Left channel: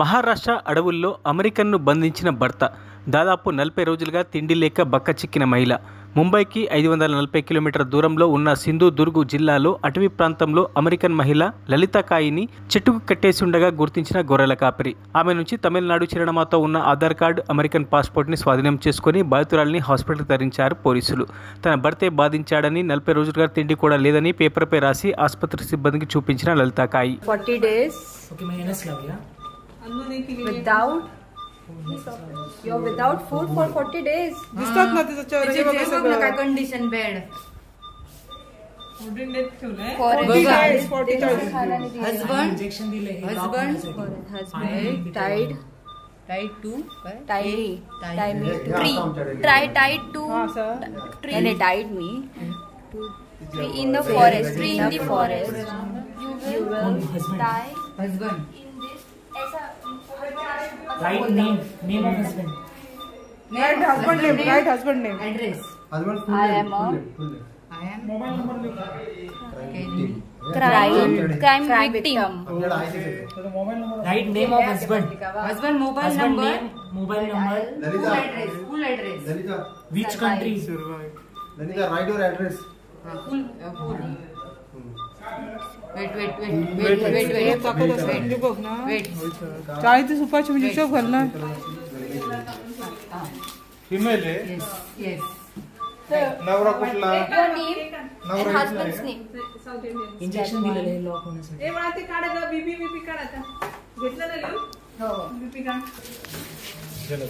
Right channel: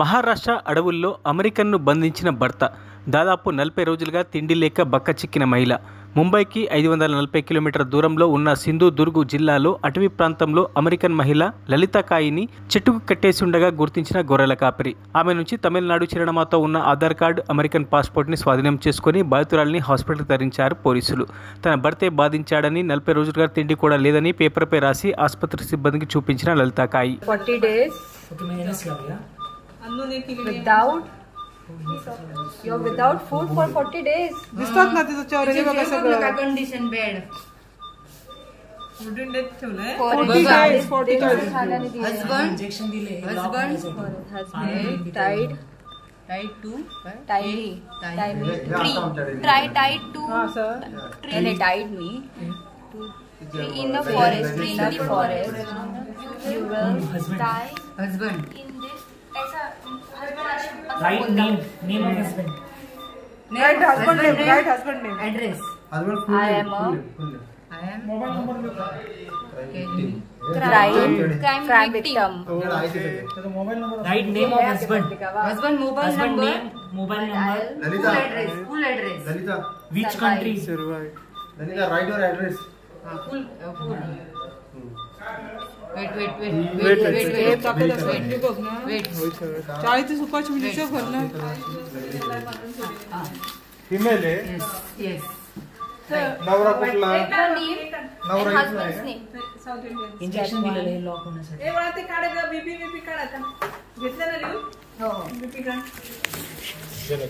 మహారాష్ట్ర అడవుల్లో అమెరికన్ను బంధించిన భర్త. దాదాపు 40 రోజులుగా తిండి లేక బక్కచిక్కిన మహిళ. ముంబైకి 540 కిలోమీటర్ల దూరంలో ఉన్న సింధుదుర్గ్ జిల్లాలో అటవీ ప్రాంతంలో అమెరికన్ మహిళ లలిత కాయిని చెట్టుకు కట్టేసి ఉండగా గుర్తించిన గొర్రెల కాపరి. ఆమె నుంచి తమిళనాడు చిరునామాతో ఉన్న ఆధార్ కార్డు, అమెరికన్ పాస్పోర్ట్ని స్వాధీనం చేసుకుని బాధితురాలిని హాస్పిటల్కి తరలించారు పోలీసులు. తన భర్తే బాధించాడని, 40 రోజులుగా తిండి కూడా లేదని పేపర్పై రాసి ఆసుపత్రి సిబ్బందికి చూపించిన లలిత కాయి. 40 days without food for 40 days. दिसतात ना तिचं चेहरा सगळं कंडिशन बेड husband इंजेक्शन दिले tied to हाँ sir and they tied me in the forest you will die husband in this ऐसा right name of husband right husband name address I am a crime victim. right name of husband mobile number full address Lalita, which country Lalita, write your address. full wait चाळीची सुपाची म्हणजे हिशोब कर ना फिमेल आहे yes नवरा कुठला नवरा husband's name. इंजेक्शन दिलेलं आहे लॉक होण्यासाठी ते काढायचा बीपी काढायचा घेतलं ना हो बीपी काढ चला